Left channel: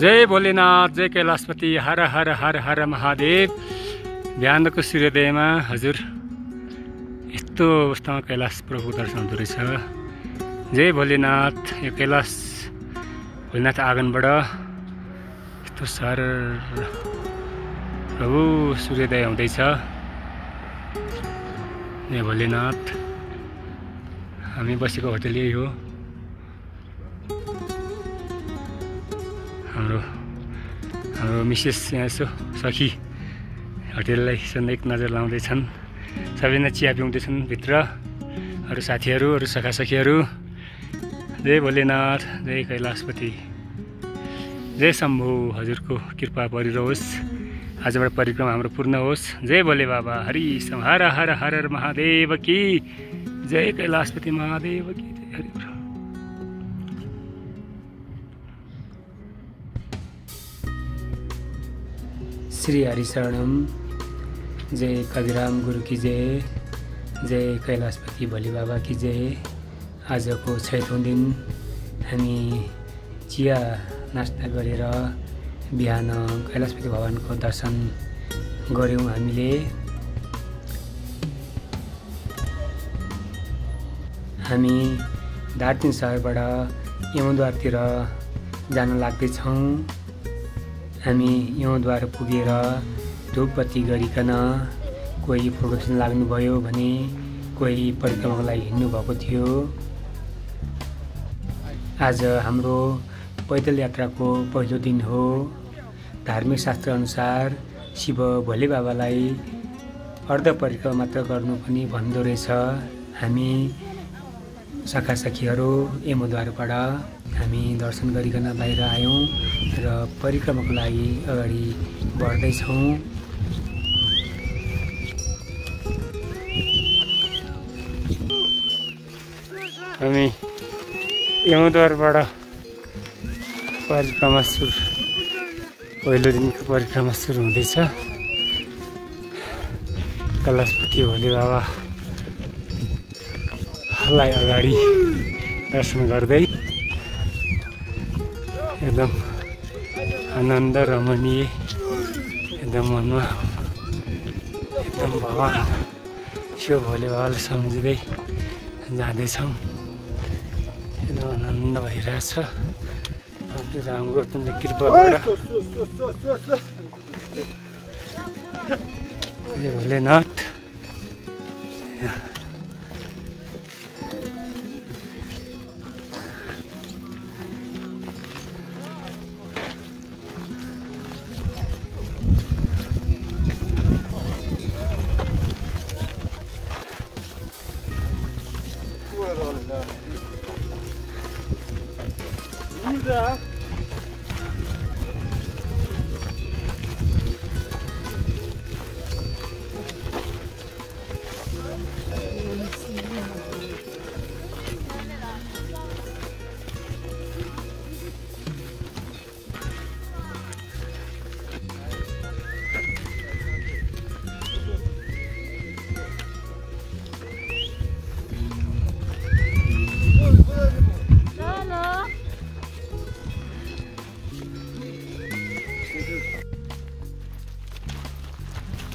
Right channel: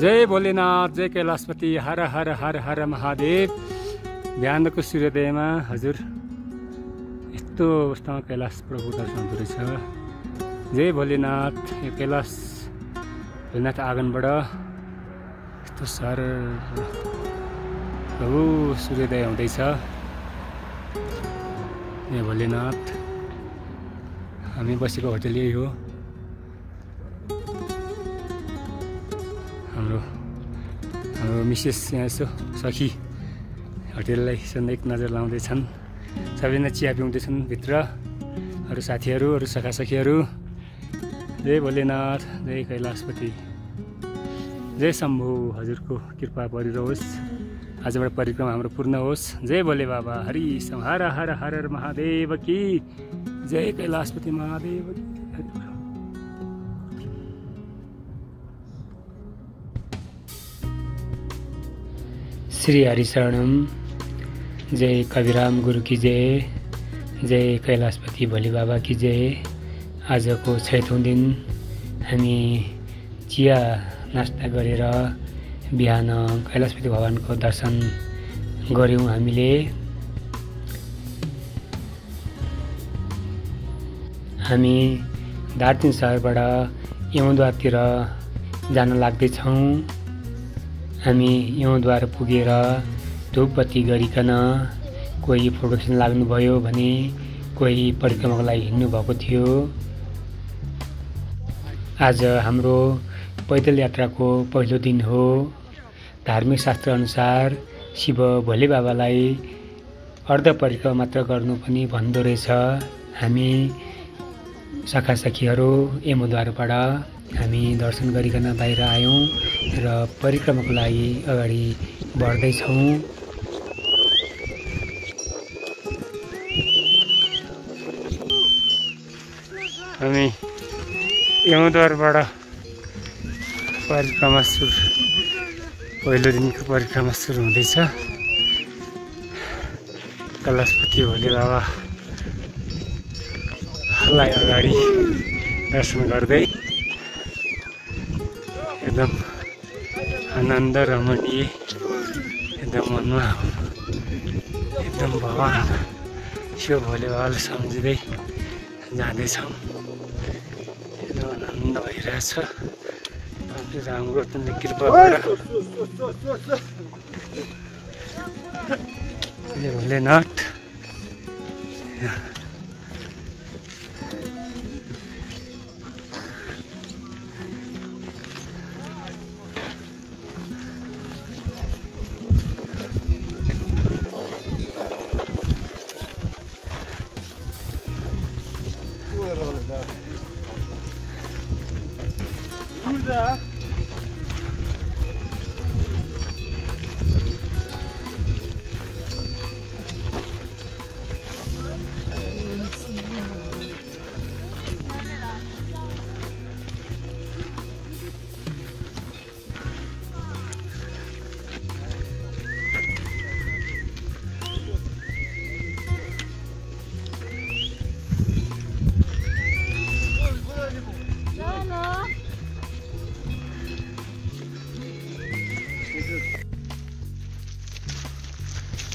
जय भोलेनाथ, जय कैलाशपति, हर हर हर हर महादेव। बिहानको सूर्योदयमा हजुर यस्तो अवस्थामा कैलाश प्रभु दर्शन हुँदो रहेछ। जय भोलेनाथ। यो कैलाश भोलेनाथ आँगनबाट यस्तो सर प्रभु सूर्योदय हुँदैछ। जय भोलेनाथ। हामी बसेको होटल यही हो। हाम्रो मिसेस यहाँ यसो सखी होटेललाई एक नजर लाउँदैछन्। सबैजना चिया पिउँदैछन् भित्र। अरू साथीहरू, अरू सखासखीहरू। जय भोलेनाथ, जय कैलाशपति, जय शम्भु। हजुरको कृपा परिरहोस्। आजबाट परिक्रमा हाम्रो पूर्ण होस्। जय भोले बाबा, हरि हर हर हर महादेव की जय, कैलाशपति महादेव की जय। हरि श्री हरिशरणम। जय कविराम गुरु की जय, जय कैलाशपति भोले बाबा की जय। आजको 6औं दिन हामी चिया नास्ता गरेर बिहान कैलाशपति भगवानको दर्शन गऱ्यौँ। हामी दार्जिलिङ शहरबाट यमद्वारतिर जान लाग्दैछौँ। हामी यमद्वार पुगेर धूपबत्ती गरिकन कोही फोटो खिच्न लाग्नुभयो भने कोही परिक्रमाको लागि हिँड्नु भएको थियो। आज हाम्रो पैदल यात्राको पहिलो दिन हो। धार्मिक शास्त्र अनुसार शिव भोले बाबालाई अर्ध परिक्रमा मात्र गर्नु पनि भन्दो रहेछ। हामी सखासखीहरू यमद्वारबाट हामी दर्शन गरिकन बाहिर आयौँ र परिक्रमाको लागि अगाडि बढ्दैछौँ। हामी यमद्वारबाट परिक्रमा पहिलो दिनको परिक्रमा सुरु हुँदैछ। कैलाशपति भोले बाबालाई अगाडि दर्शन गर्दै एकदम आनन्द रमणीय, एकदम मनमा एकदम भगवान शिव भोले बाबालाई सम्झिँदै जाँदैछौँ। एकदम आनन्द भइरहेछ। राम्रो कृपाबाट जय भोलेनाथ।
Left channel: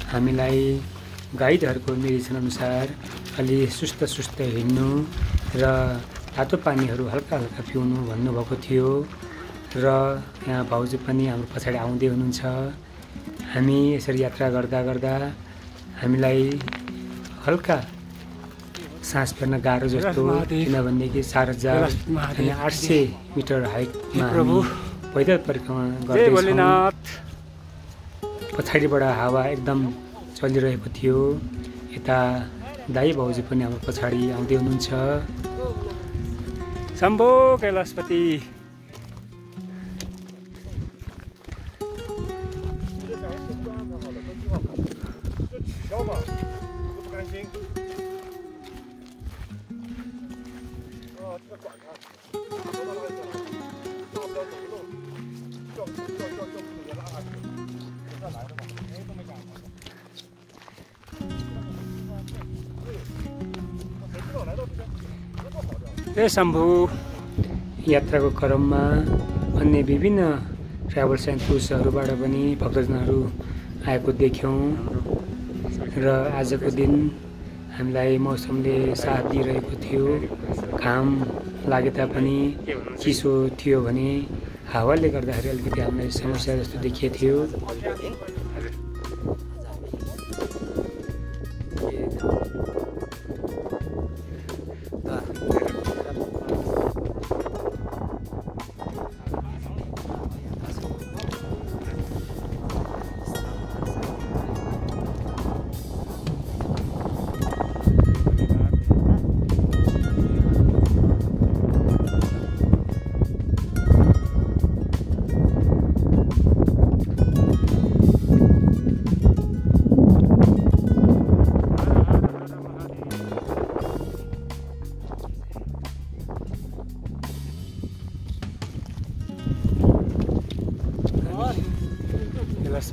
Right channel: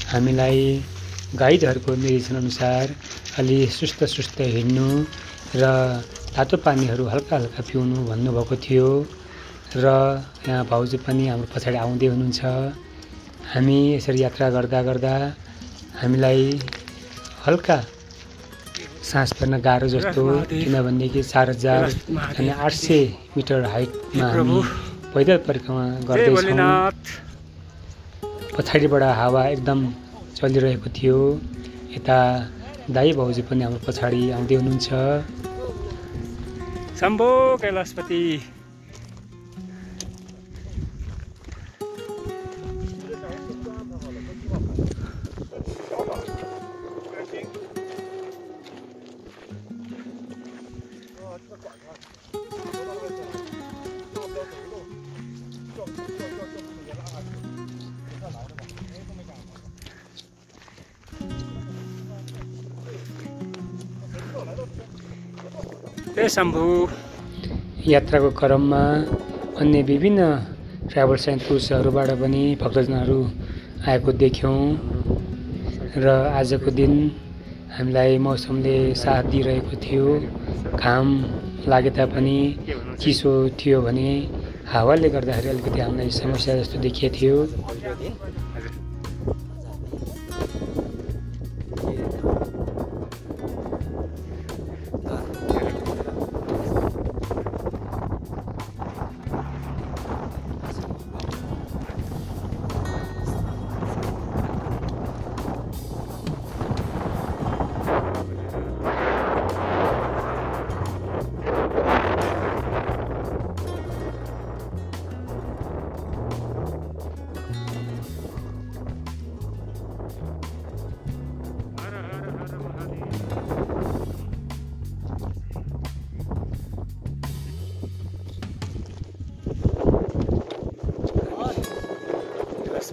हामीलाई गाइडहरूको निर्देशन अनुसार अलि सुस्त हिँड्नु र तातो पानीहरू हल्का हल्का पिउनु भन्नुभएको थियो। र यहाँ भाउजू पनि हाम्रो पछाडि आउँदै हुनुहुन्छ। हामी यसरी यात्रा गर्दा गर्दा हामीलाई हल्का सास फेर्न गाह्रो जस्तो, किनभनेदेखि 4800 मिटर हाइटमा हामी पैदल परिक्रमा गर्दैछौँ। पछाडिबाट हावा एकदम चलिरहेको थियो। यता दाई भाउजू पनि हाम्रो पछाडि आउँदै हुनुहुन्छ। शम्भो कैलाशपति। जय शम्भु। यात्राको क्रममा अन्य विभिन्न ट्राभल्स एन्ड टुर्सहरूबाट पनि भक्तजनहरू आएको देख्यौँ र आजको दिन हामीलाई मौसमले साथ दिइरहेको थियो। घाम लागे तापनि चिसो थियो भने हावाले गर्दाखेरि अलिकति हामीलाई समस्या जस्तो देखिएको थियो।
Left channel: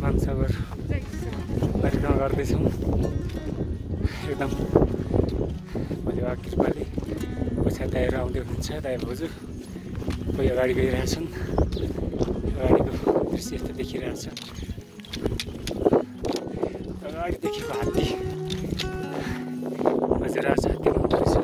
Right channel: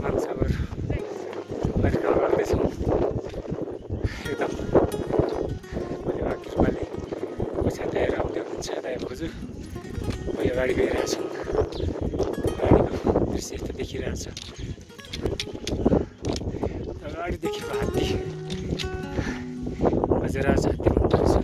मानसागर परिक्रमा गर्दैछौँ। एकदम भोलिबा कृपाले पैसा तयार आउँदै हुनुहुन्छ दाइ भाउजू। कोही अगाडि गइरहेका छन्। अगाडिको दृश्य यस्तो देखिरहेको छ। अगाडि देखेको हात्ती बजेरा हात्ती भन्दो रहेछ।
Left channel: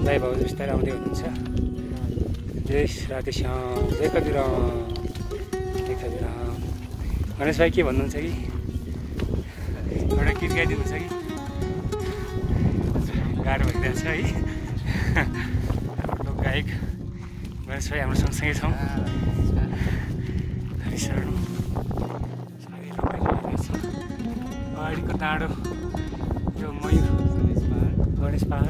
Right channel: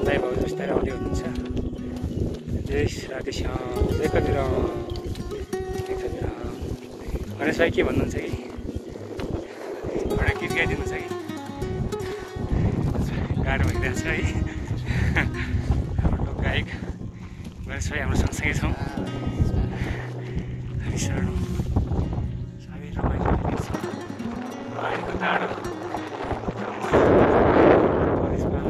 दाइ भाउजू बिस्तारै आउँदै हुनुहुन्छ। जय राधेश्याम, जय कविराम, जय कविराम। गणेश भाइ के भन्नुहुन्छ कि एउटा गीत गाइदिनुहुन्छ कि? गाह्रो भइरहेको छ है। हाम्रो गायक गणेश भाइ हाम्रो सँगसँगै छौँ। साह्रै रमाइलो भइरहेको छ। अगाडिको टाढो गणेश पहाड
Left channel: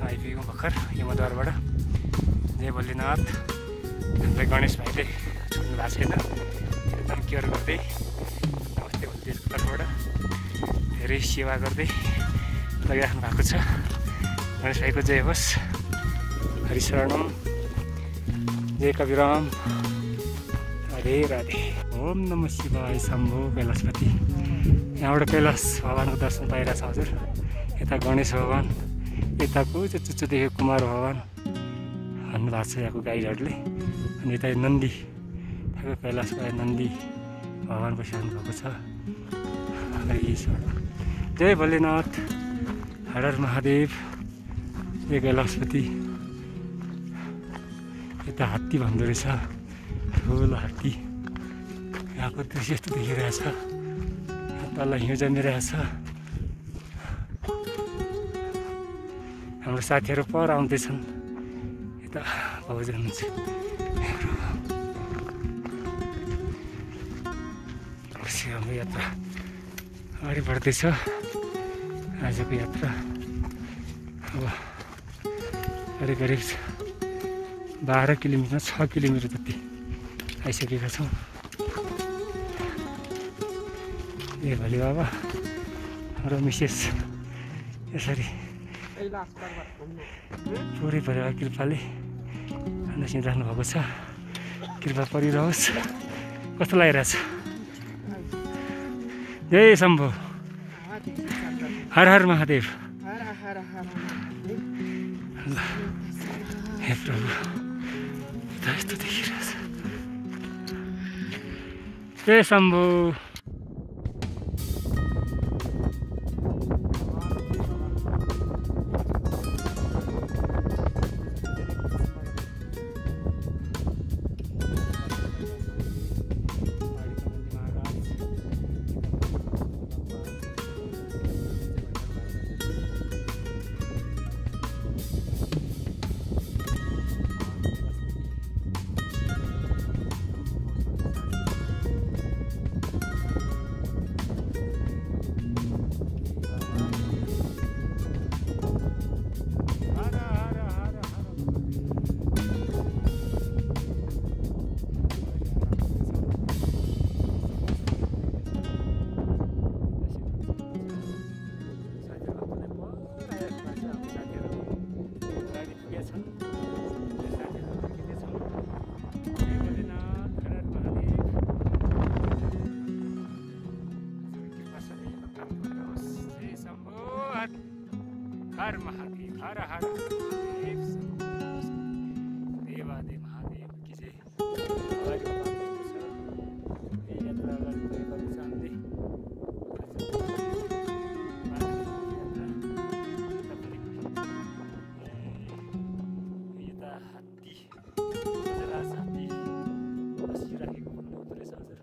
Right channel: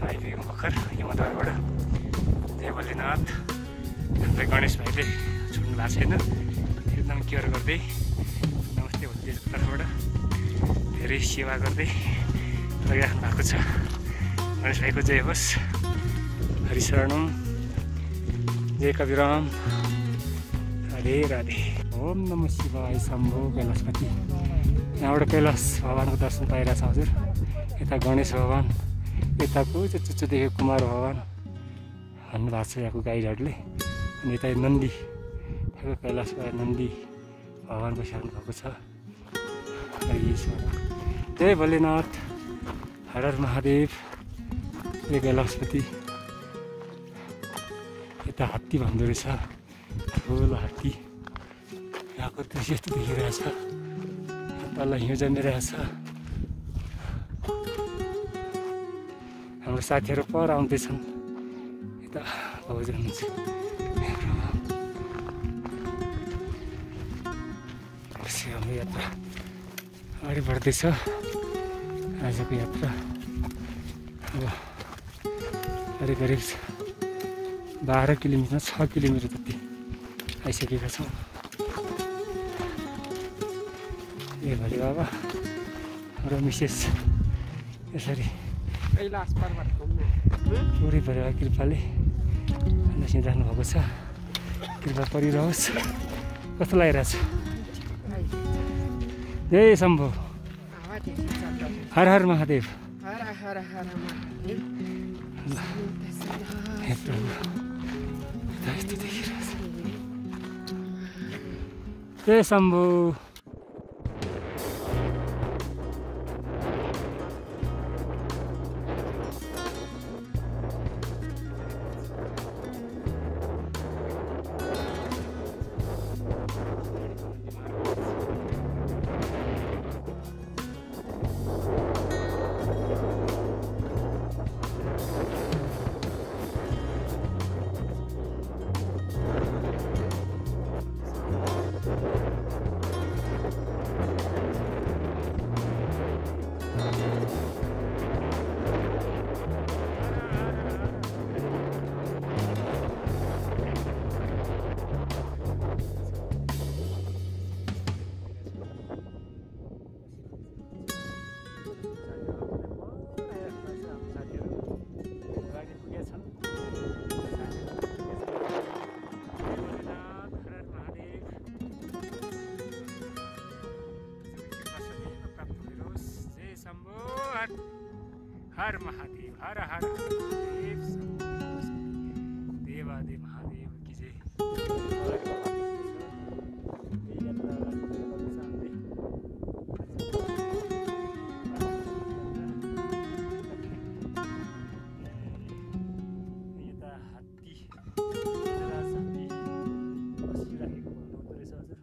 आइपुगेको भर्खर यमद्वारबाट। जय भोलेनाथ। हामीलाई गणेश भाइले छुट्नु भएको छैन, एकदम केयर गर्दै नमस्ते भोलिदेशको तर्फबाट धेरै सेवा गर्दै लगिराख्नु भएको छ। गणेश भाइको जय होस्। हरिशरणम, जय कविराम, राधे राधे। ओम नमः शिवाय, शम्भो कैलाशपति। यहाँबाट कैलाश भगवानको दर्शन पाइरहेछ हजुर। यता गणेश भगवान, यताको चाहिँ चुच्चो देखेको कुमार भगवान भन्नुभएको छ यहाँको गाइडहरूले। अनि यता नन्दी, यताको कैलाशको नन्दी भगवान बसिरहनु भएको छ। जय भोलेनाथ, हर हर महादेव, जय कैलाशपति। यता हात्ती भन्दो रहेछ, ठुलो हात्ती। यहाँको दृश्य यस्तो देखिरहेछ। तल हिउँ जमिरहेछ। हाम्रो साथीहरू पर आउँदैछन्। यता भाउजू हुनुहुन्छ। हाम्रो यात्रा अगाडि बढ्दैछ। आजको यात्रा अब करिब 12 किलोमिटर 6 किलोमिटर जति आइसकेका छौँ। ए भोले बाबा र मिसेस यसरी पुरै परिवार कृपाले नसिराख्नु भएको छ। कृपा परिरहोस्। कस्तो लागिरहेछ? जय शम्भो, हर हर महादेव। हे प्रभु, यस्तो देखिरहेछ। जय शम्भो। हर हर महादेव, हर हर महादेव, देवादेव महादेव की जय। यात्रा अगाडि गएको छ हामीले। यता हात्ती हात्ती बसिराखेको भन्नुहुँदो रहेछ हजुर।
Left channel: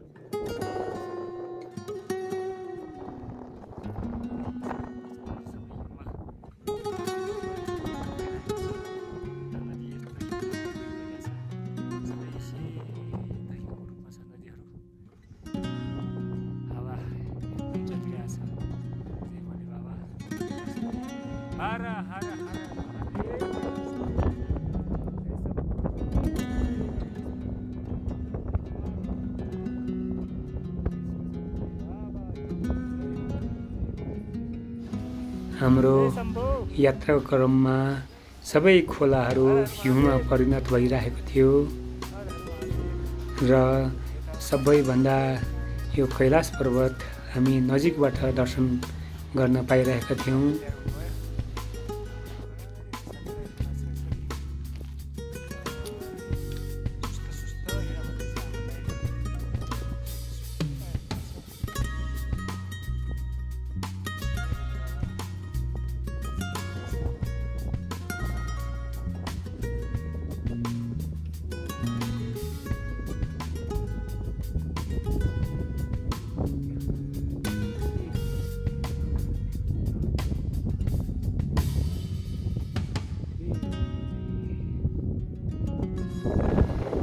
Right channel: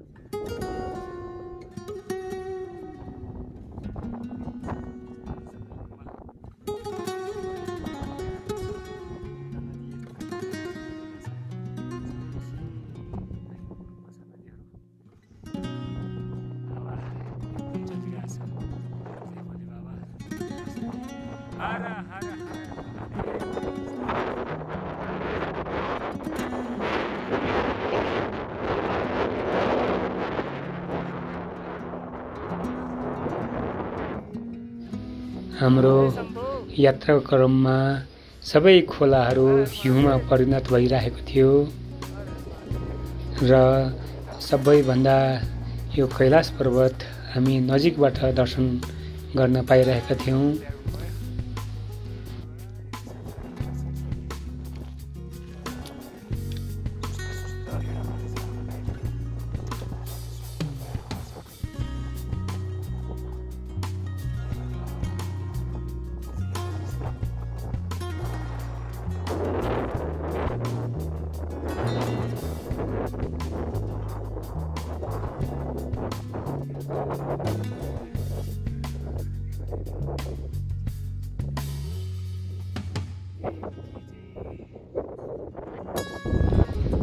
हर हर हाम्रो यात्राको क्रममा सबै खोलाहरू हिउँमा परिणत भइरहेको थियो र सबैभन्दा यो कैलाश पर्वत हामी नजिकबाट दर्शन गर्न पाइरहेका थियौँ।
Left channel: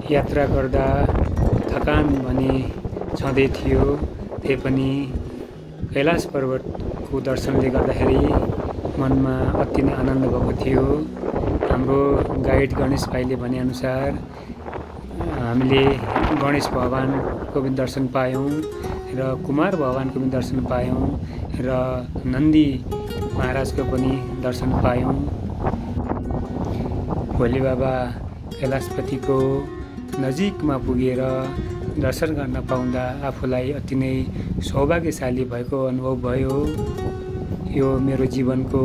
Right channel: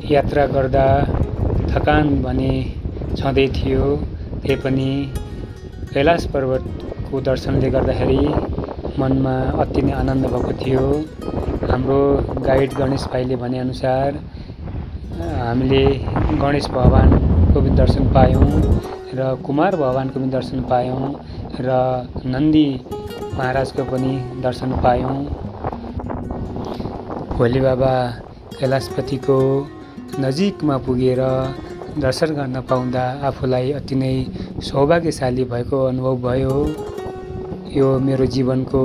यात्रा गर्दा थकान भने छँदै थियो, त्यही पनि कैलाश पर्वतको दर्शनले गर्दाखेरि मनमा अति नै आनन्द भएको थियो। हाम्रो गाइड गणेश भाइले भनेअनुसार हामीले गणेश भगवानको पनि दर्शन पायौँ र कुमार भगवानको पनि दर्शन पायौँ र नन्दी महाराजको पनि दर्शन पायौँ। भोले बाबा कैलाशपतिको नजिकमा पुगेर दर्शन गर्न पाउँदा आफूलाई अति नै सौभाग्यशाली भएको अनुभव भयो। यो मेरो जीवनको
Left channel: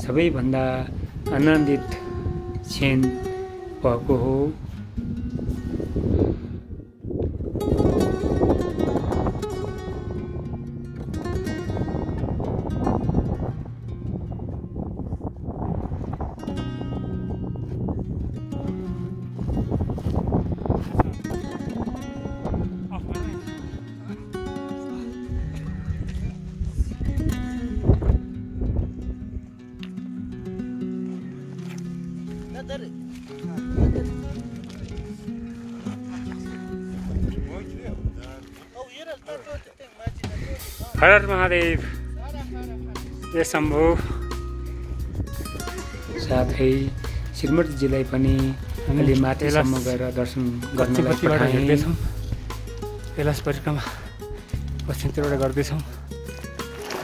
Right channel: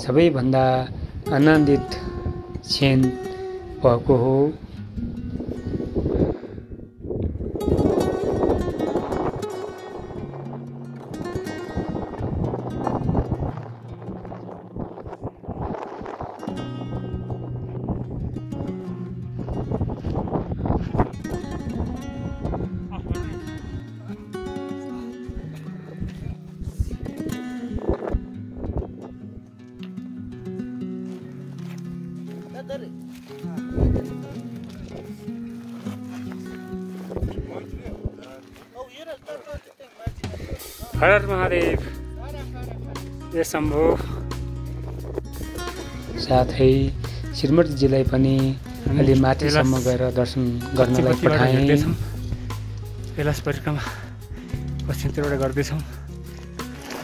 सबैभन्दा आनन्दित क्षण भएको हो। हर हर महादेव, जय शम्भो। साथै श्रीमतीजीलाई पनि अलि माथिसम्म गएर दर्शन गर्नलाई पठाएँ। कैलाश परिक्रमा पश्चिमतिरबाट गर्दैछौँ।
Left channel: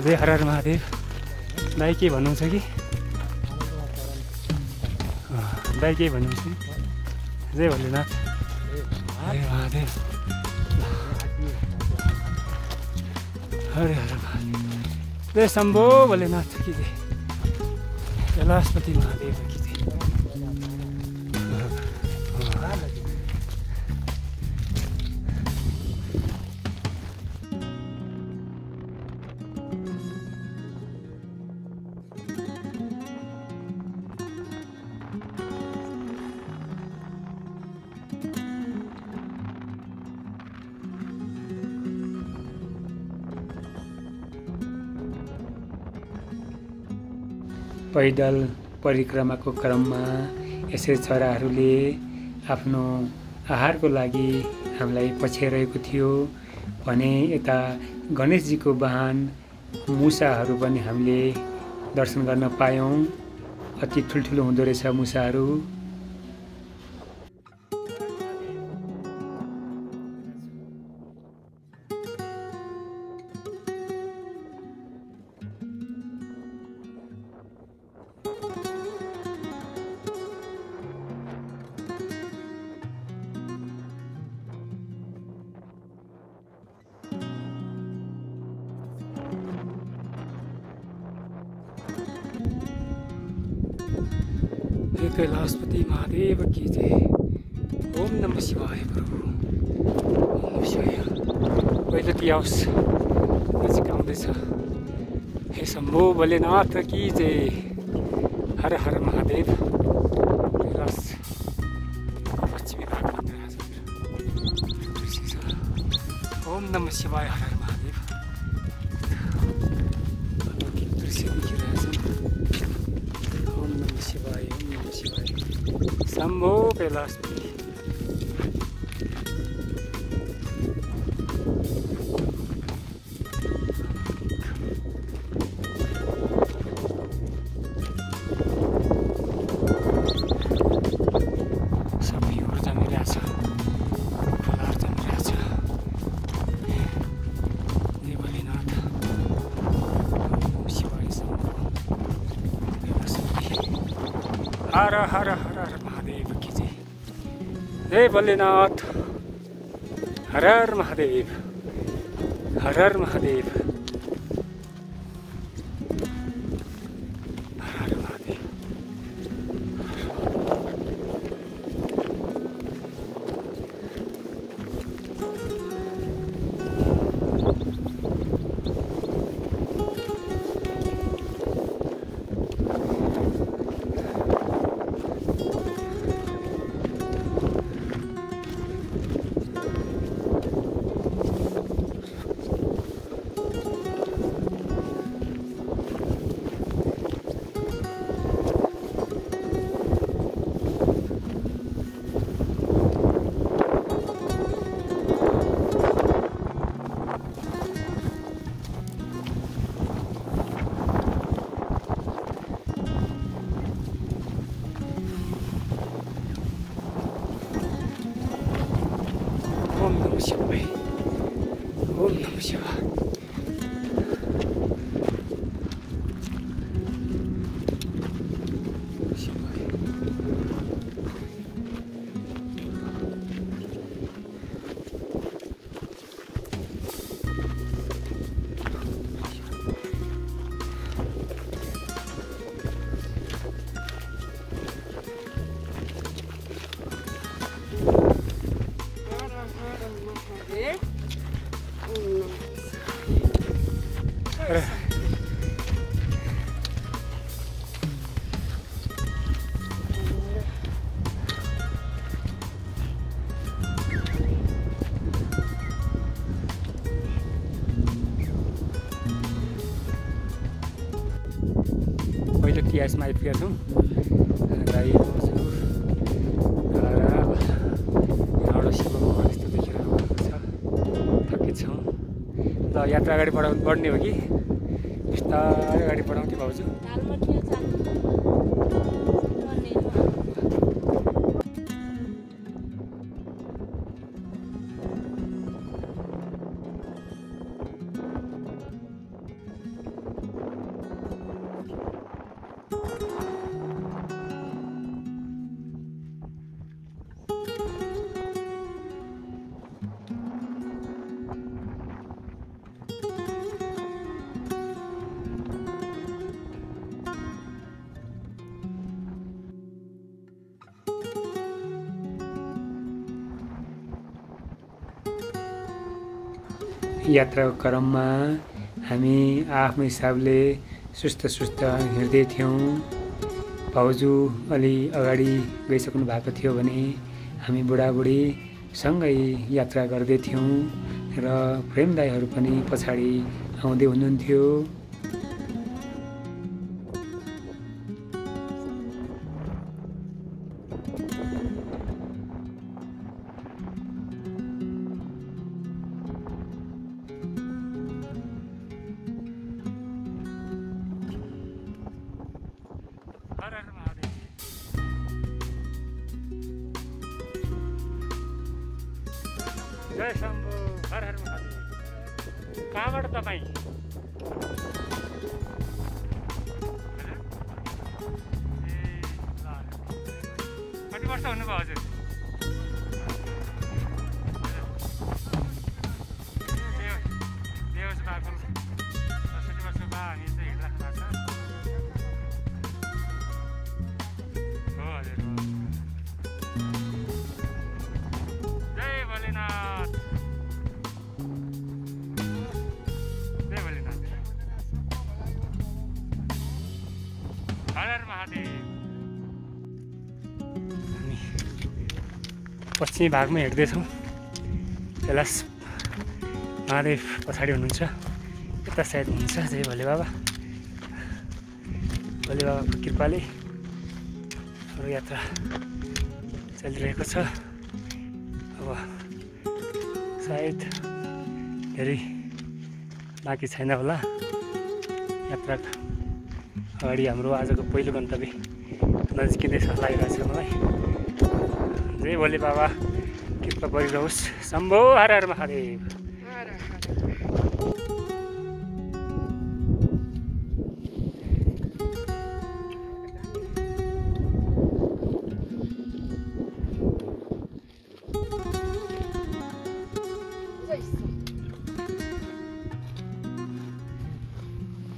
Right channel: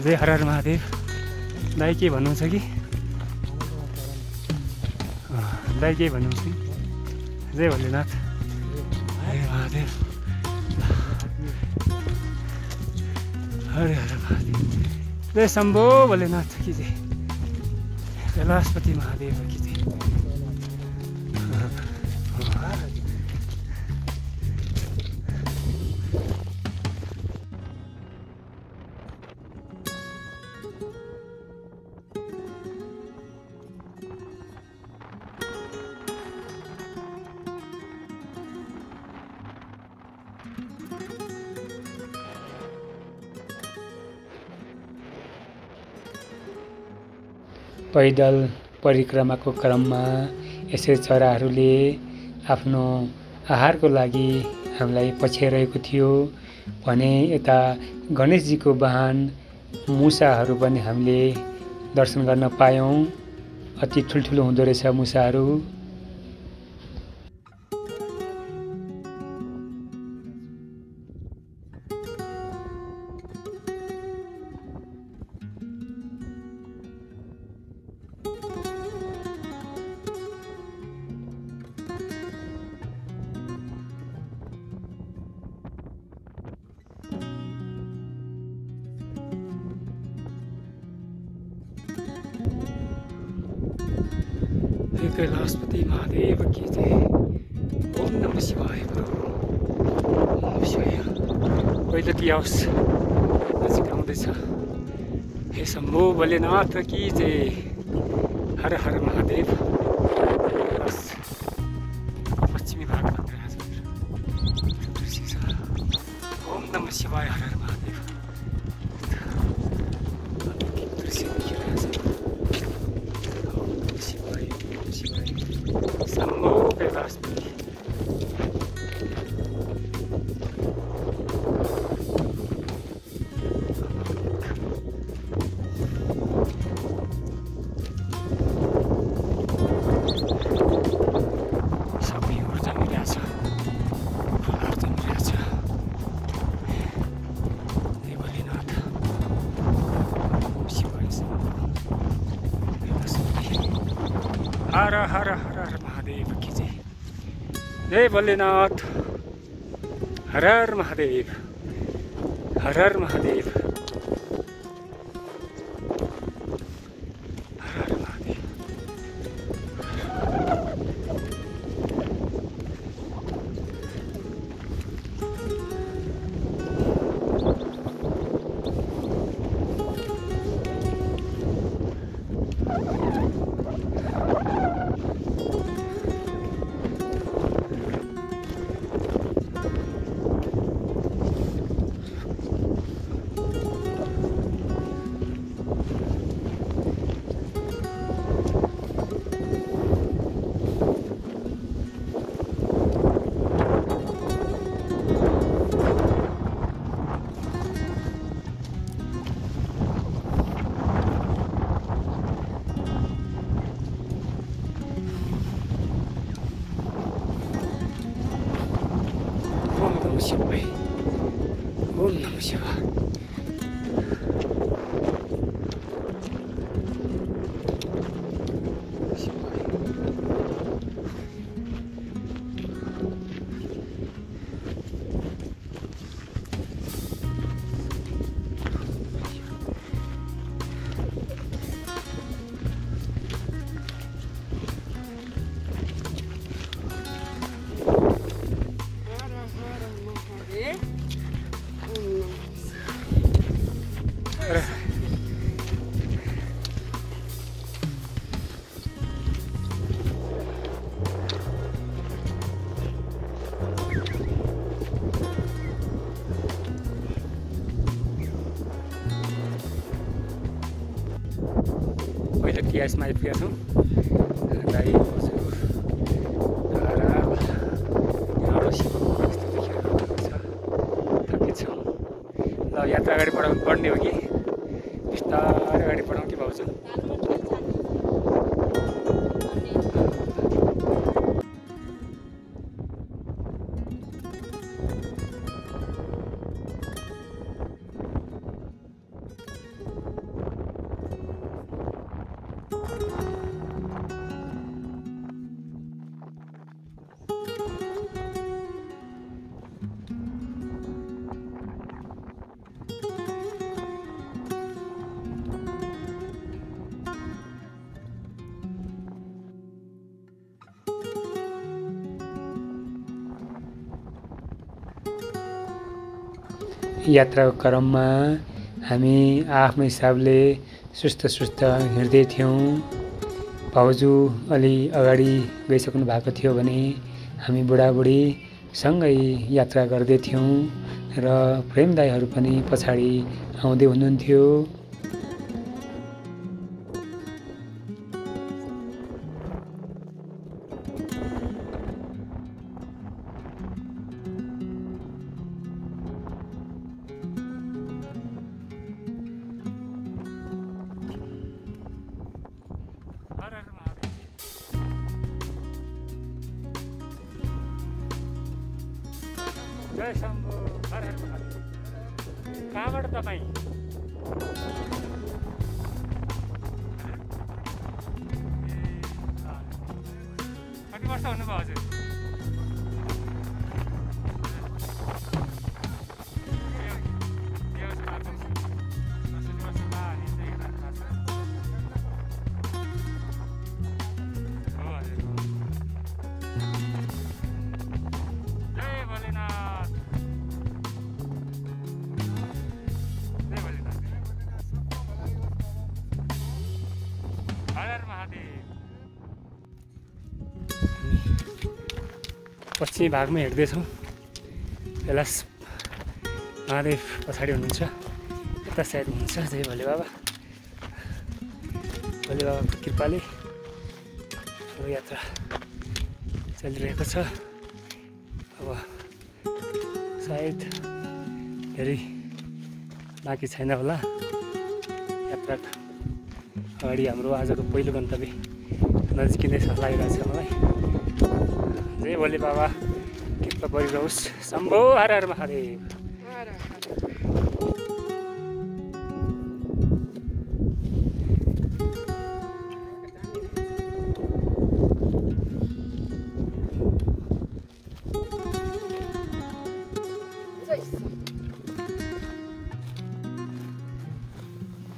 जय हर हर महादेव। दाइ के भन्नुहुन्छ कि? दाइ के भन्नुहुन्छ कि? जय भोलेनाथ, जय महादेव, हरे हर महादेव, जय शम्भो भोलेनाथ की जय, कैलाशपति महादेव की जय। पैदल परिक्रमाको क्रममा यसै चराहरूले आफ्नो आहारको लागि हामीलाई पछ्याइरहेको थियो भने यता गणेशजीको वाहन मुसाहरू पनि हामीले दर्शन गर्न पायौँ। अति ठुल्ठुलो हुँदो रहेछ मुसाहरू। कैलाशपति महादेव की जय। ओम नमः शिवाय प्रभु। ओम नमः शिवाय। पहिलोकी आओस् नजिक आउँदैछ। हे शम्भो भोलेनाथ की जय। हर हर महादेव। पश्चिमी भागमा ओम नमः शिवाय। हर हर महादेव। दृश्य देखिरहेछ। ओम नमः शिवाय। ओम नमः शिवाय। शम्भो कैलाशपति। हर हर हर हर महादेव की जय। जय भोलेनाथ। हर हर महादेव। हर हर महादेव। हर हर महादेव। ओम नमः शिवाय। ओम नमः शिवाय। पहिलो टिएसमा आइपुगेका छौँ। राई बसु धारा यहाँबाट शिवको यस्तो देखिरहेको छ। थकित छौँ। ल यात्रा अगाडि बढ्ने हो कि बिस्तारै अगाडि बढाउँ कि भाउजू? यात्राको क्रममा हामी आफ्नो हिसाबले सुस्त हिँड्दै थियौँ। भाउजू अलि अगाडि गइसक्नु भएको थियो भने हामी बुढाबुढी सँगै यात्रा गर्दै थियौँ र प्रेम दाइहरू पनि पछाडि आउँदै हुनुहुन्थ्यो। हर हर महादेव। जय शम्भो। हर हर महादेव। कहाँबाट तपाईँ? कति वर्ष हुनुभयो हजुर? देवस्थानको 10 वर्षमा हामी चाहिँ हिँडिराख्नु भएको छ। हो हजुर। हर हर महादेव। हामी पश्चिमी भागमा हिँड्दैछौँ। कैलाश महादेव पछाडि हुनुहुन्छ, यता साइड हुनुहुन्छ जय भोले बाबा। भोले बाबाको कृपाले हाम्रो यात्रा चलिरहेको छ। अब सायद धेरै बाँकी छैन होला। यात्रा अगाडि हाम्रो आजको पहिलो गन्तव्य नजिकै जस्तो लागिरहेको छ मलाई। जय भोले बाबा कृपा गरिरहोस्। शम्भो हर हर महादेव।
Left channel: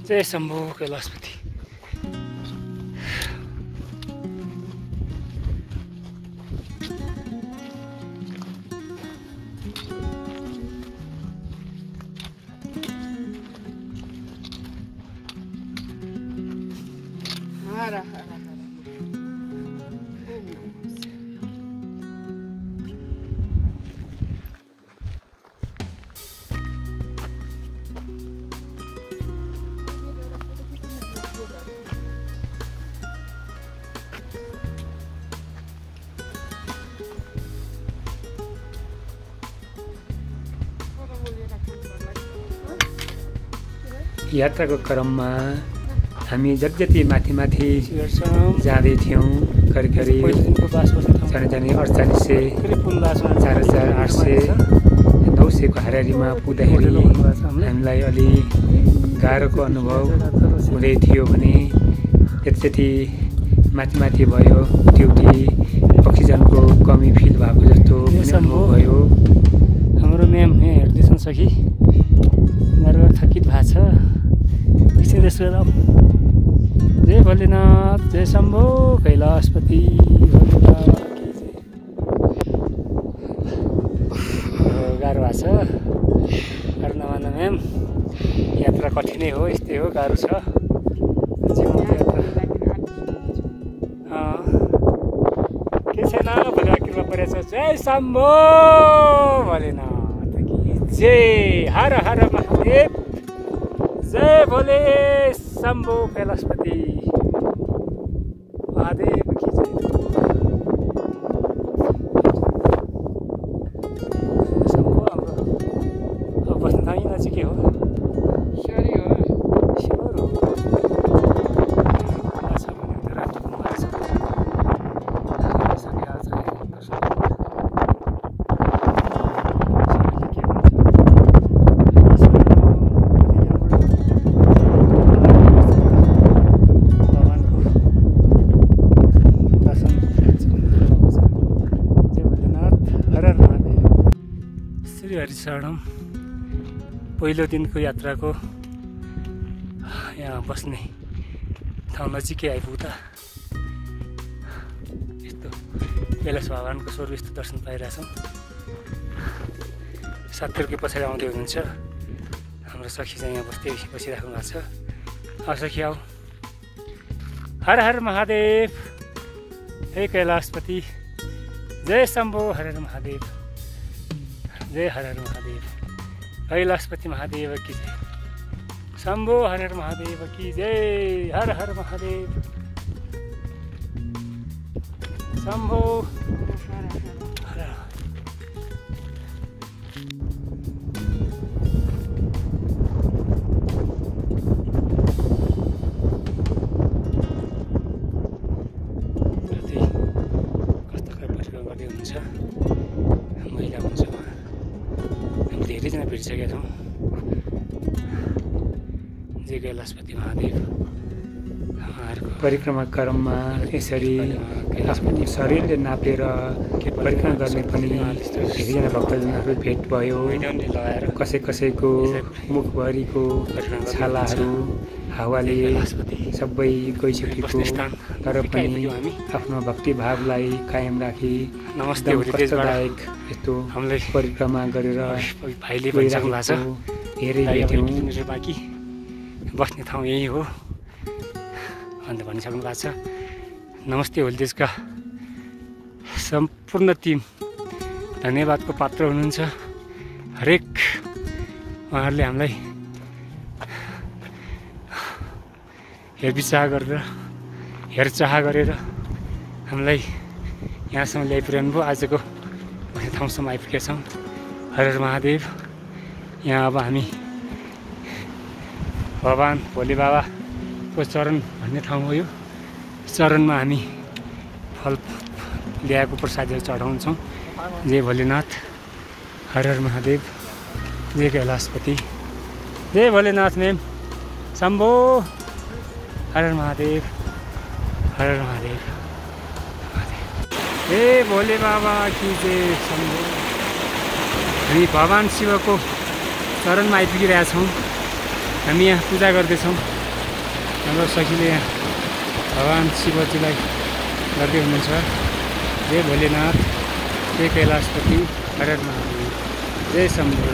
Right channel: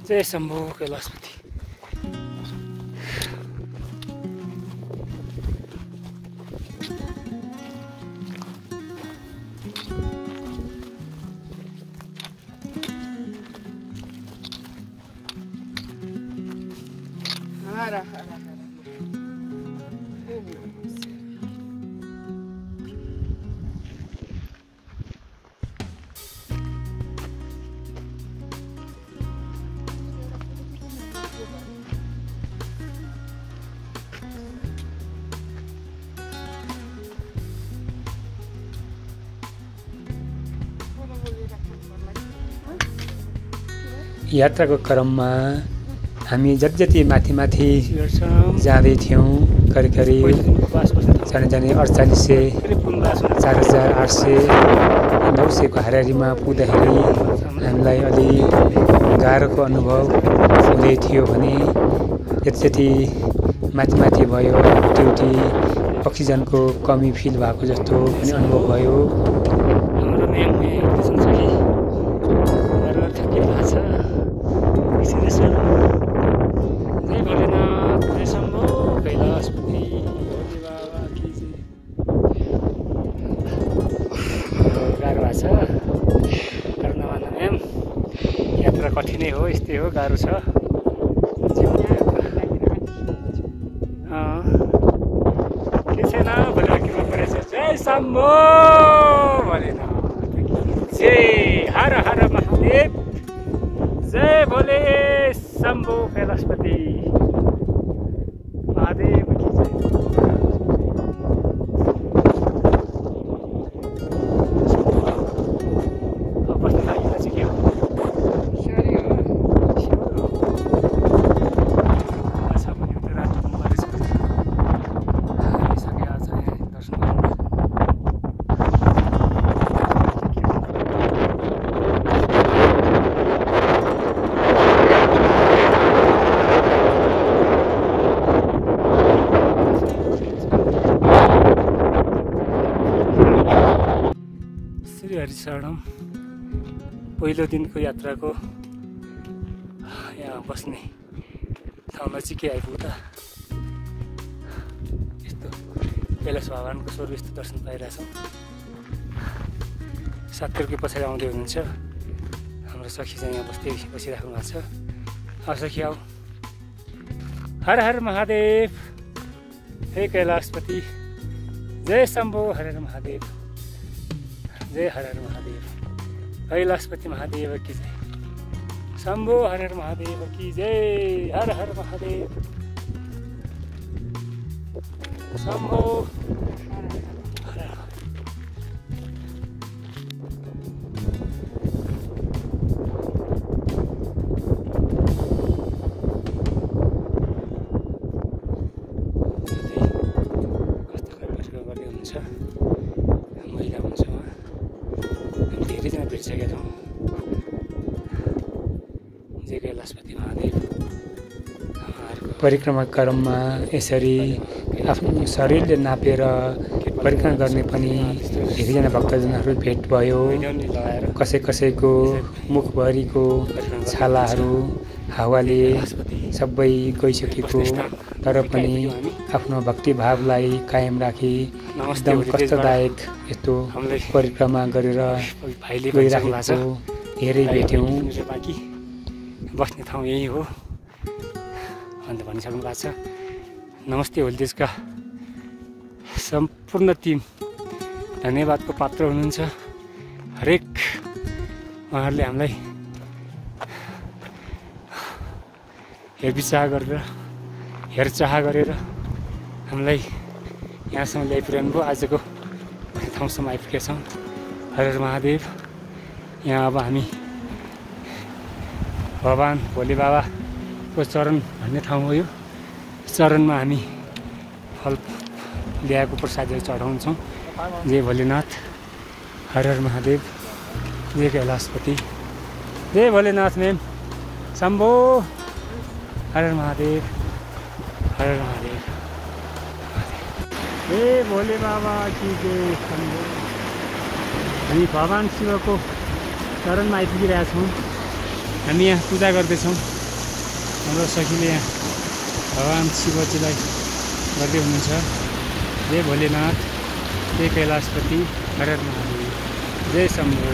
जय शम्भो कैलाशपति। यात्राको क्रममा हामी जति माथि माथि जाँदै थियौँ, करिब करिब जाने 4800 4800 900को हाराहारीमा पुग्दाखेरि हामीलाई अलि गाह्रोको अनुभव हुँदै थियो भने जति माथि माथि भयो उठी अक्सिजनको कमी फिल भएको जस्तो पनि अनुभव भयो। हाम्रो म्याम हेर्दैछन् सही थकित भएको छ। जय भोलेनाथ, जय शम्भो कैलाशपति। गाह्रो भएको छ, गाह्रो नमान्नु म्याम। यात्रा कठिनै हो, यस्तै हो, गाह्रो छ जीवनको यात्रा। के छैन, भोलिमा कृपा परेछ। जय शम्भो भोलेनाथ, जय हर हर महादेव। जय भोले शम्भो कैलाशपति महादेव की जय। अब बस्न लागि चाहिँ के हो? हरिशरणम पहिलो दिनको यात्राको यहाँ बस्ने ठाउँ नजिकै आइपुग्दा यस्तो कैलाश भगवानको स्वरूप यस्तो दर्शन पाइरहेछौँ। साथीहरूको पछाडि आउँदै हुनुहुन्छ हाम्रो सखी चाहिँ यहाँ बसिराख्नु भएको छ। अब सखी आऊ। हर हर महादेव, हे कैलाशपति। जय शम्भो हर हर महादेव, जय हर हर महादेव। कैलाशपति महादेव की जय। शम्भो हर हर महादेव की जय। हर हर महादेव। शम्भो कस्तो परिक्रमा गर्दै हुनुहुन्छ, महिला हुनुहुन्छ उहाँ। धेरैजना भेटिसकेका छौँ। जय कैलाशपति महादेव। परिक्रमा क्रममा यसरी आफ्नो शरीरले नापेर परिक्रमा गर्ने पनि धेरैजना भक्तजनहरू भेट भयो। कसैको मुखभरिको छालाहरू हावाले सबै गइसकेको, तर पनि आफ्नो भक्तिभावलाई कायम राखी एकदम कष्टदायक यस्तो परिक्रमा गरेर गइराखेको धेरै भेट्यौँ। बस्ने ठाउँ यही हो। भनेर भनिसक्नु भएको छ। नमस्ते होलिदेशका सम्पूर्ण टिम धन्यवादको पात्र हुनुहुन्छ। हरेक उहाँहरूले हामीलाई हेरचाह गरेर हामीलाई यहाँसम्म ल्याइपुर्याउनु भयो। आजको ठाउँसम्म आइपुगेका छौँ। हर हर महादेव। यहाँ अब हामी भगवान भोले बाबाको चरण भन्ने ठाउँ हो। यो चरणमा हामी फल ल्याएको प्रसादहरू चढाउँछौँ। जय भोलेनाथ, हर हर महादेव, जय कैलाशपति, जय भोलेनाथ मेम शम्भो, हर हर महादेव, हर हर महादेव, हे भोले बाबा की जय शम्भो। हामी भगवान शिवको चरणमा आइपुगिरहेका छौँ। हामी यहाँ पूजा गर्दैछौँ। हाम्रो सखीले यहाँ भगवान शिवजीलाई गर्दै हुनुहुन्छ। जय भोलेनाथ, जय कैलाशपति, हर हर महादेव, जय शम्भो।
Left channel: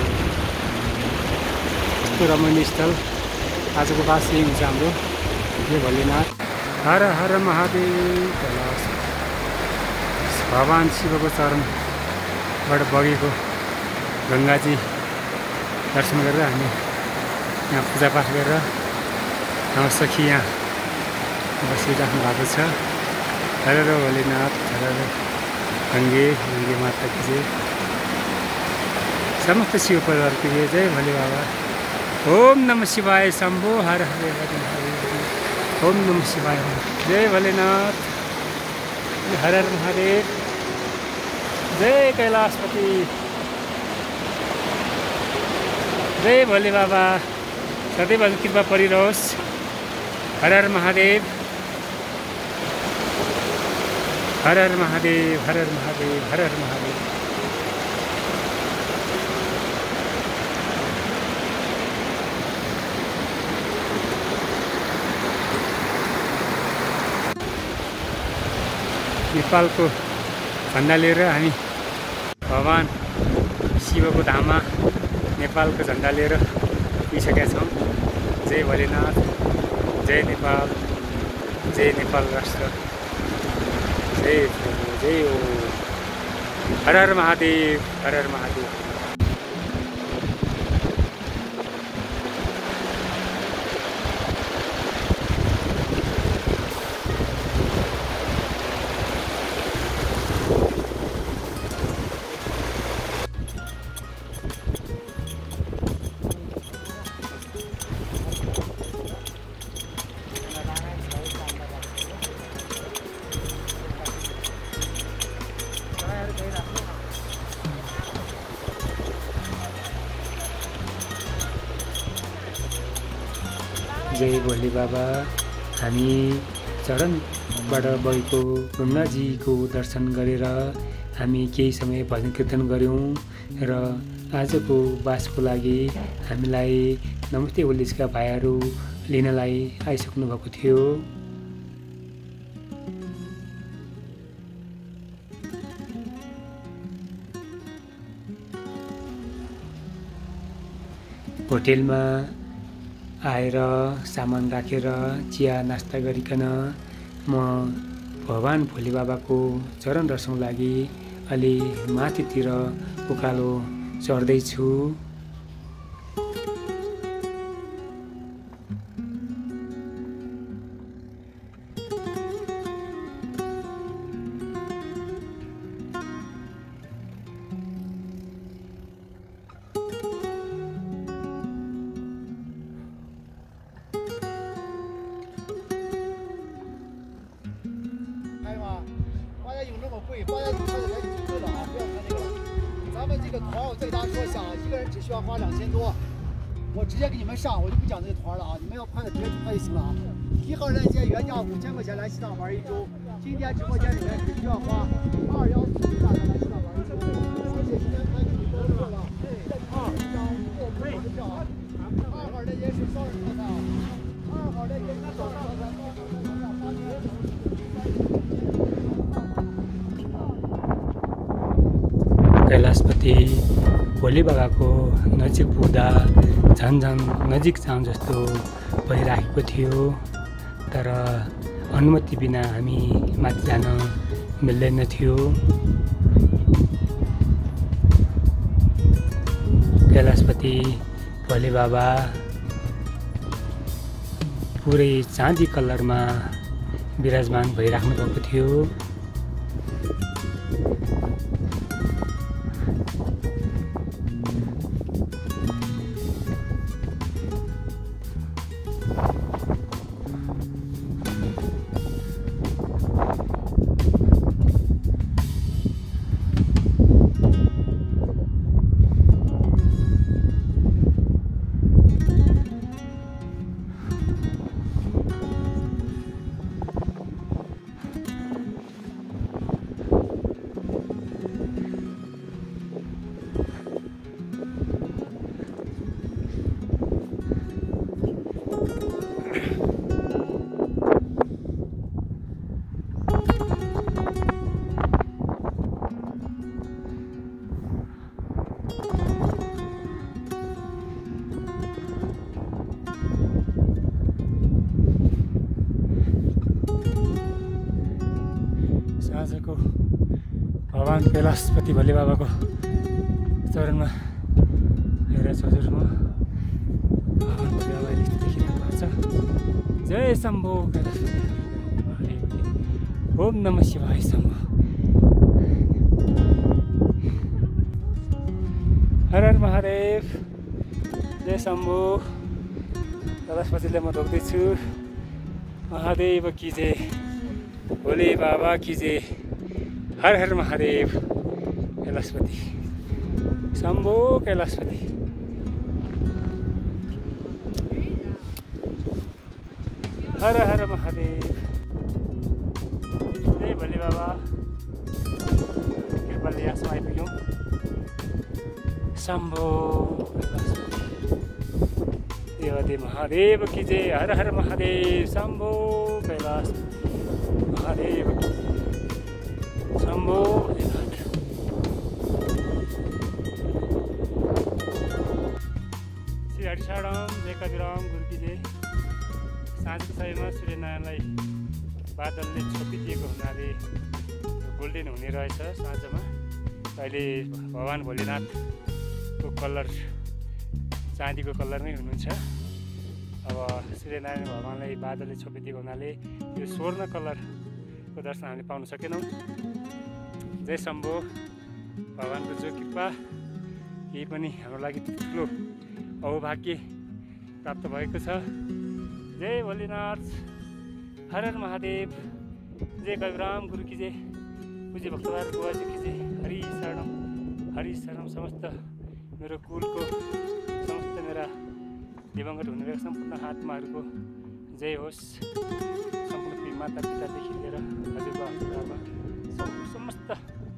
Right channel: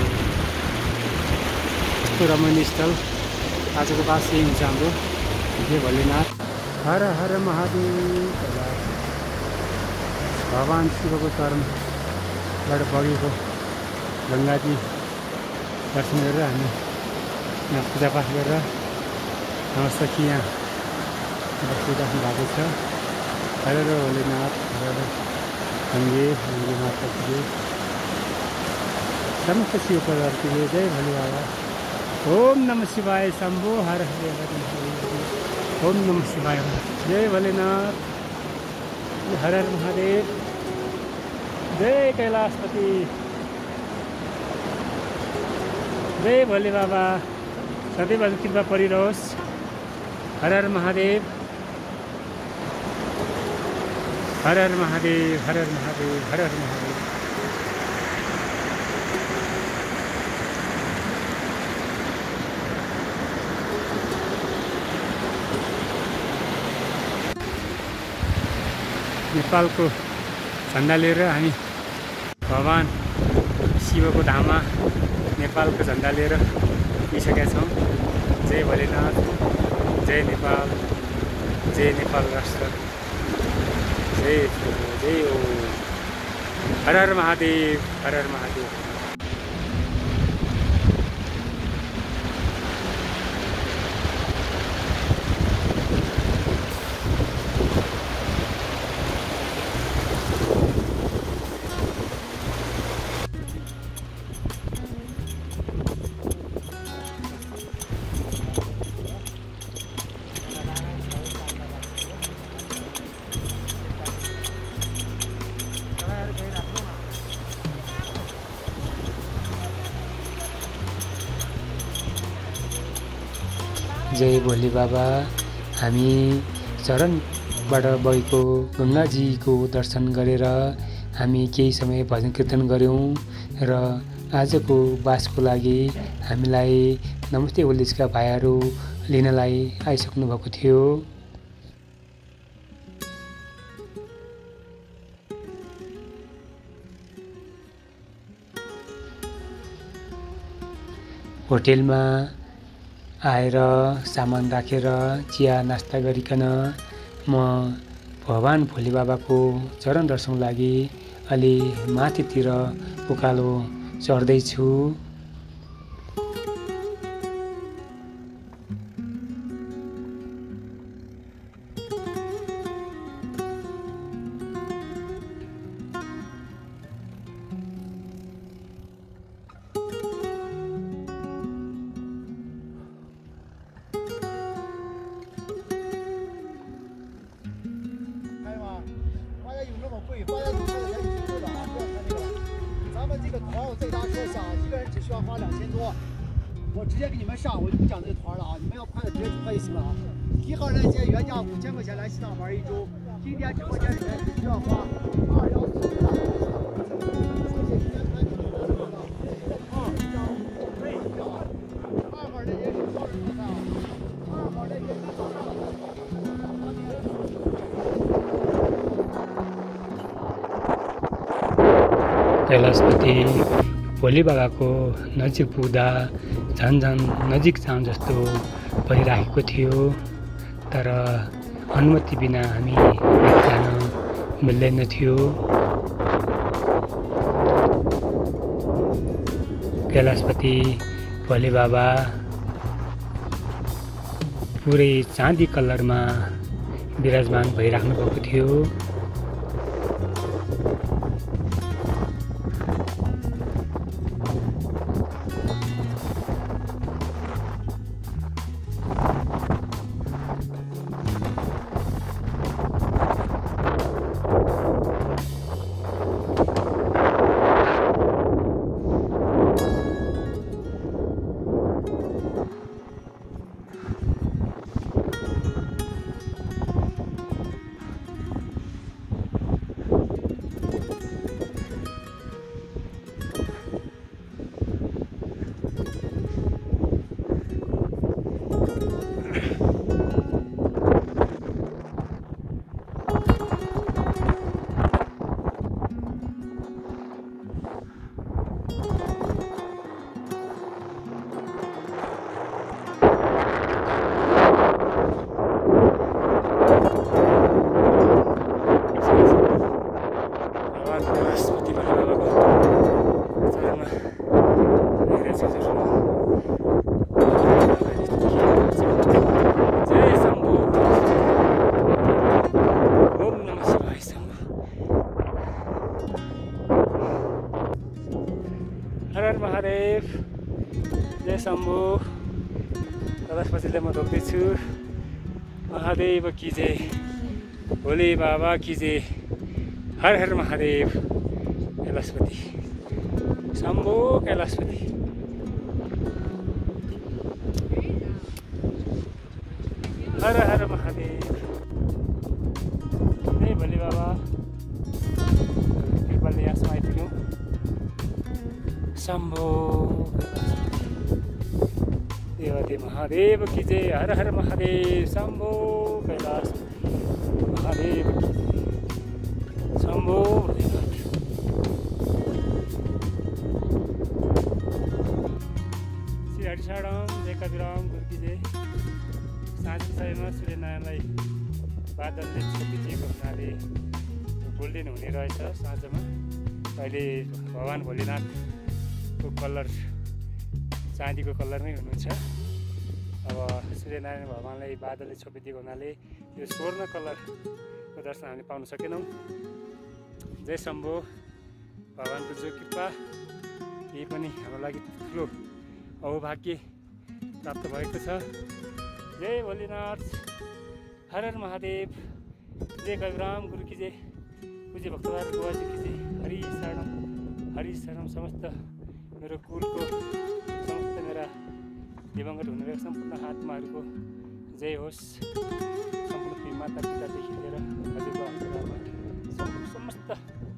यस्तो रमणीय स्थल आजको बास यही हुन्छ हाम्रो। जय भोलेनाथ, हर हर महादेव। कैलाश भगवान शिवको चरणबाट बगेको गङ्गाजी दर्शन गरेर हामी यहाँ पूजापाठ गरेर हाम्रो सखी यहाँ बसिराख्नु भएको छ। हर हर भोलेनाथ, हर हर गङ्गे माता की जय, समस्त शिव परिवारको जय। जय भोले बाबा। ओम नमः शिवाय शम्भो, हर हर महादेव। ओम नमः शिवाय। जय भोलेनाथ, हर हर महादेव, जय कैलाशपति, जय भोले बाबा। सदैव कृपा परिरहोस्। हर हर महादेव, हर हर महादेव, हर हर महादेव, हर हर महादेव। नेपालको झन्डा लिएर हामी भगवान शिवको धाममा नेपालको झन्डा लिएर पुगिसकेका छौँ। जय भोलेनाथ, जय नेपाल, जय नेपाल राष्ट्र, जय प्रभु, जय ओ, हर हर महादेव, हर हर महादेव। जय भोले बाबा। हामी चरणबाट बगेको गङ्गाजीको दर्शन गरेर हामी केही समय भजन कीर्तन गऱ्यौँ र आजको बासको लागि हामीलाई नमस्ते होलिदेशका भाइहरू लिनलाई आइसक्नु भएको थियो। होटेलमा आएर सामान राखेर चिया नास्ता गरिकन म भगवान भोले बाबाको चरण दर्शनको लागि अलि माथितिर उकालो चढ्दैछु।我直接给你们上，我就不讲这团了啊！你们要快点直接可以行了。1号链接原价5000块钱来西藏玩1周，今天直播间里面只需要花214。谢谢谢谢。2号链接是双人套餐啊，2号链接是双人套餐。 कैलाशपति भोले बाबाको नजिक पुग्दा झन् नजिक जाउँ जस्तो भइराखेको थियो। तर अनुमति बिना हामी माथि जान मिल्दैन थियो। कैलाशपति भोले बाबा पुरै चाँदी कलरमा विराजमान भइराख्नु भएको थियो। कैलाशपति भोले बाबाको चरणमा जय शम्भु ओम नमः शिवाय शम्भु हर हर महादेव जय शम्भु कैलाशपतिले म ढोक्दैछु महादेव की जय भोले बाबा की जय हर हर महादेव कैलाशपति शम्भो कैलाशपति हर हर महादेव जय भोले बाबा कृपाले यहाँसम्म आइपुग्यौँ शम्भो कैलाशपति महादेव की जय हर हर महादेव शम्भो कैलाशपति महादेव की शम्भो श्री हरिशरणम जय कविराम गुरुकी जय। साँझको समयमा सूर्यनारायणलाई बादलले छोपिदिएको हुनाले गोल्डेन हुने रहेछ साँझमा। अहिले भगवान् भोलेनाथको कलर चाँदीको कलरमै हुनुहुन्छ। अब सूर्यनारायण भगवान्लाई बादलले छोपिदिएको हुनाले यो स्वर्ण कलरको दर्शन हामीले पाउन सकेनौँ। जय शम्भो भगवानको जो कृपा यही पनि हाम्रो लागि ठुलो अहोभाग्य प्राप्त भएको छ। जय भोलेनाथ हर हर महादेव जय कविराम गुरु की जय पूज्य भक्तबार बुवाजी की जय हरि शरणम समस्त मेरो कुलको समस्त मेरा दिवंगत हुनुभएका सम्पूर्ण आत्माहरूको जय होस्। सम्पूर्ण माता पितादेखि लिएर हजुरबा हजुरआमा समस्त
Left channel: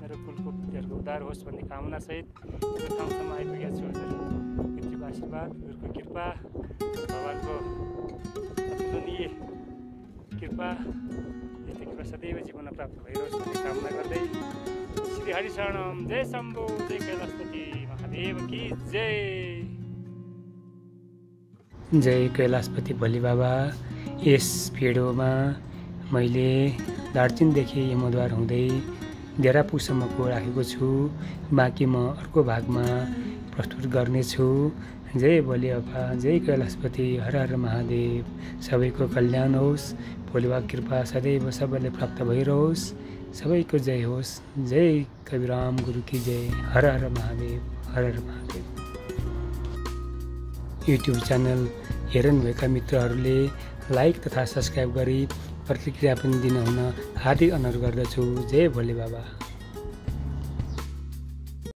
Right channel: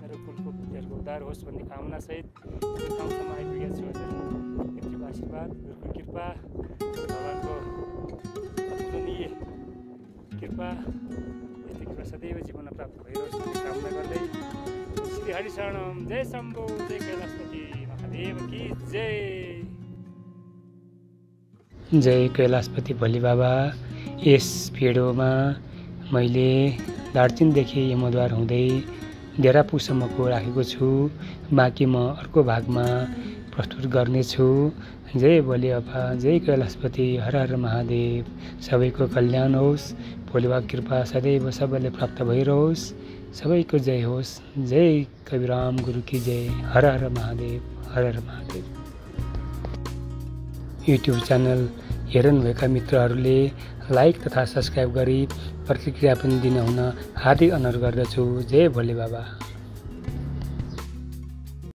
मेरो कुलको व्यक्तिहरूको उद्धार होस् भन्ने कामनासहित यो ठाउँसम्म आइपुगेको छु। हजुर पितृको आशीर्वाद गुरुको कृपा भगवानको अतुलनीय कृपा यति कृपा सदैव जीवनमा प्राप्त भइरहोस् भन्ने कामना गर्दै श्री हरिशरणम जय शम्भो जय कैलाशपति महादेव की जय। जय कैलाशपति भोले बाबा। यस भिडियोमा मैले दार्जिलिङदेखि यमद्वार हुँदै डेरापुसम्मको राखेको छु। बाँकी म अर्को भागमा प्रस्तुत गर्नेछु। जय भोले बाबा जय कैलाशपति हर हर महादेव। सबैको कल्याण होस्। भोले बाबाको कृपा सदैव सबैले प्राप्त भइरहोस्। सबैको जय होस्। जय कविराम गुरु की जय हर हर महादेव हर हर महादेव। युट्युब च्यानल हेर्नुभएका मित्रहरूले लाइक तथा सब्सक्राइब गरी प्रतिक्रिया पनि दिनुहुन हार्दिक अनुरोध गर्दछु। जय भोले बाबा।